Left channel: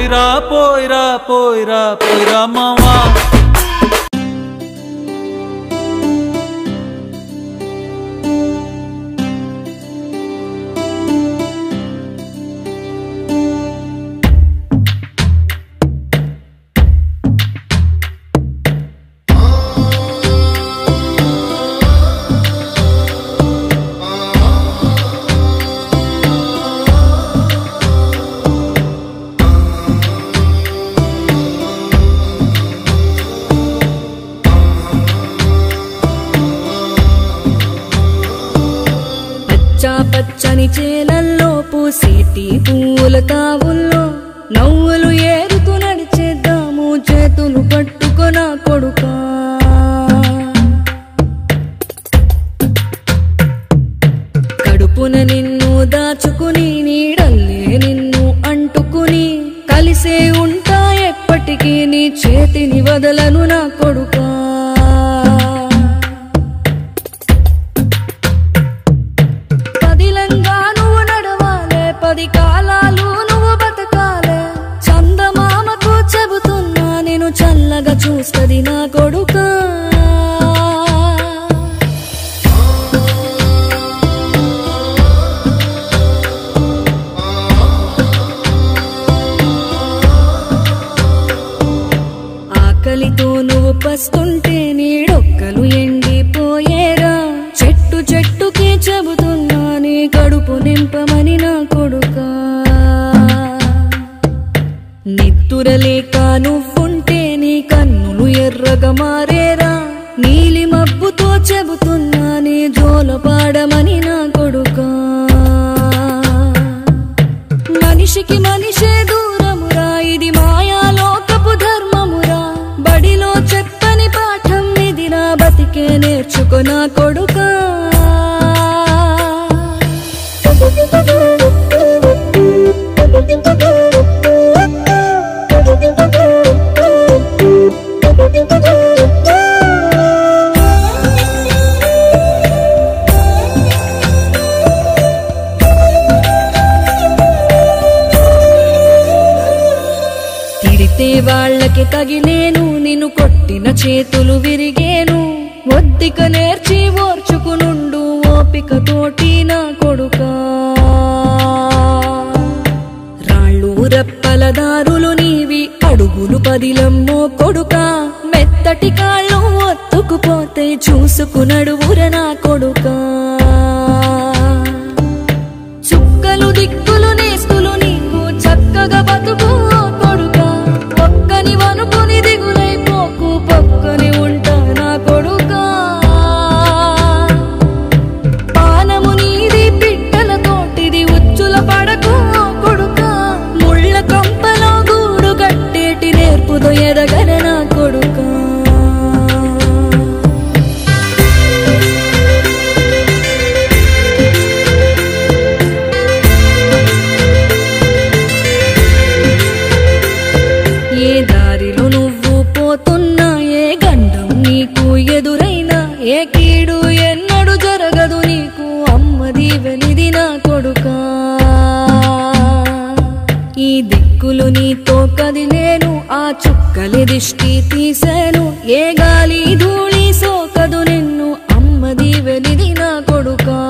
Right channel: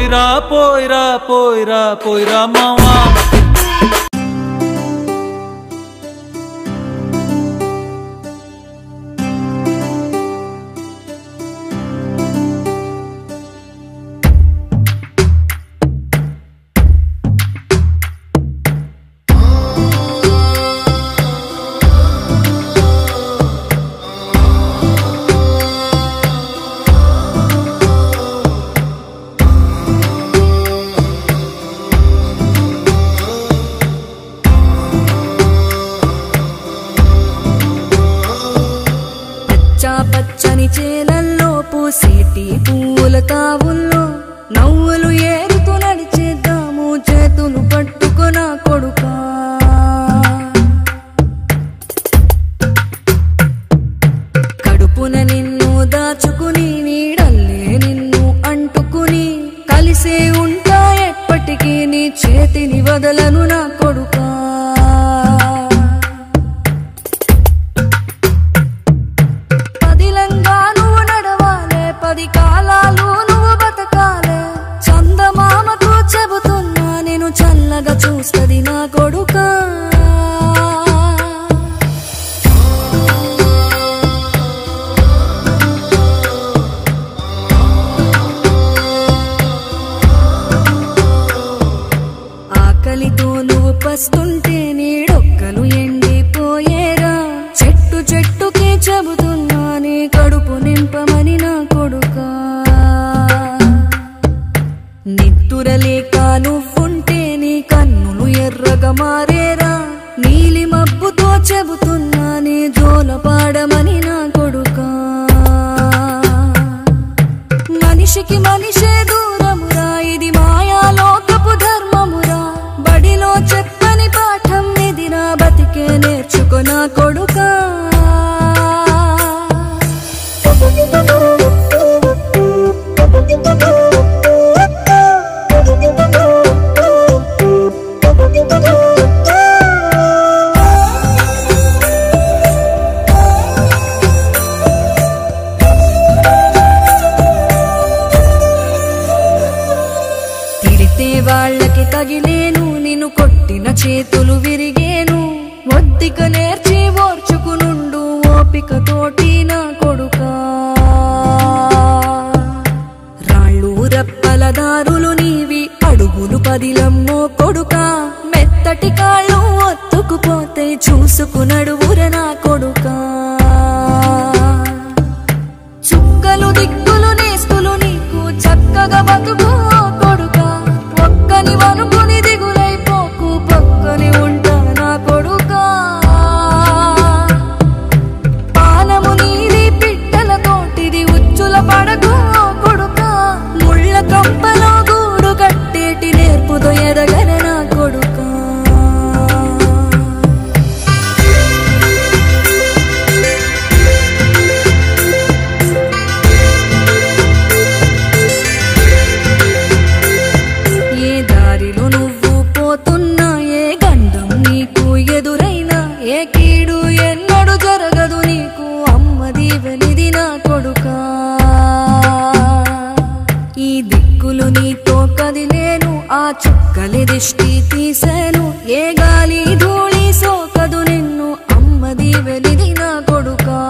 పోయిరా పోయిరా పోయిరా పోయిరా మావా పచ్చని చేలల్లో పూసేటి పూల తావుల్లో నవ్వులు ఏరుతూ నడిచేద్దాము చేతులు పట్టుకొనా కొడుకా కడుపున నిన్ను దాచుకుని నీడల్లే నిన్ను అంటుకుని కలిసే ఉంటా ఎప్పటికీ నీ చేతిని వదలను నా కొడుకా పది కాలాలు నువ్వు బతకాలే చందమామకు చెబుతున్నా నేను చల్లగా చూస్తది నా కొడుకా ఆకలితో నువ్వు పస్తుంటే నీడొక్కలు ఎండిపోయేరా చెట్టు చెట్టుకి చెబుతున్నా నీ కడుపు నింపమని నా కొడుకా నిద్దురలేక నువ్వుంటే నీ కన్నులు ఎర్రగా మారేరా నీలి మబ్బుతో చెబుతున్నా నీ జోల పాడమని నా కొడుకా మనిషికి మనిషే దూరమురా ఇది మాయాలోకపు ధర్మమురా బడిలో చెప్పని పాఠం ఇదిరా బతికే నేర్చుకో నా కొడుకా తిడితే వాళ్ళకి తగిలేను నిన్ను కొట్టిన చేతులు విరిగేను ఒద్దిక నేర్చి ఓర్చుకునుండు ఓపిక తోటి నా కొడుకా రాళ్ళు రప్పల దారులు నీవి అడుగులు పదిలమ్మో కొడుకా మెత్తటి కాళ్ళు ఒత్తుకుపోతే చూసుకునడువుర నా కొడుకా చుక్కలు దిక్కులు నేస్తులు నీకు చక్కగా బతుకు కొడుకా ఒక్కని వనుకుని దిగులైపోకు పక్కని ఉంటా నా కొడుకా పానము నీది పిట్టల తోటిది ఉచ్చుల పడకు కొడుకా ముళ్ళ కంపలో గూడు కట్టేటి నేర్పుతో ఎదగన నా కొడుకా ఏ దారిలో నువ్వు పోతున్నా ఏ గండం నీకు ఎదురైనా ఏ కీడు ఎన్నడు జరగదు నీకు అమ్మ దీవెనిది నా కొడుకా ఈ దిక్కులు నీతో కదిలేను ఆ చుక్కలి దిష్టి తీసేను ఏ గాలి ధూళి సోకదు నిన్ను అమ్మ దీవెనిది నా కొడుకా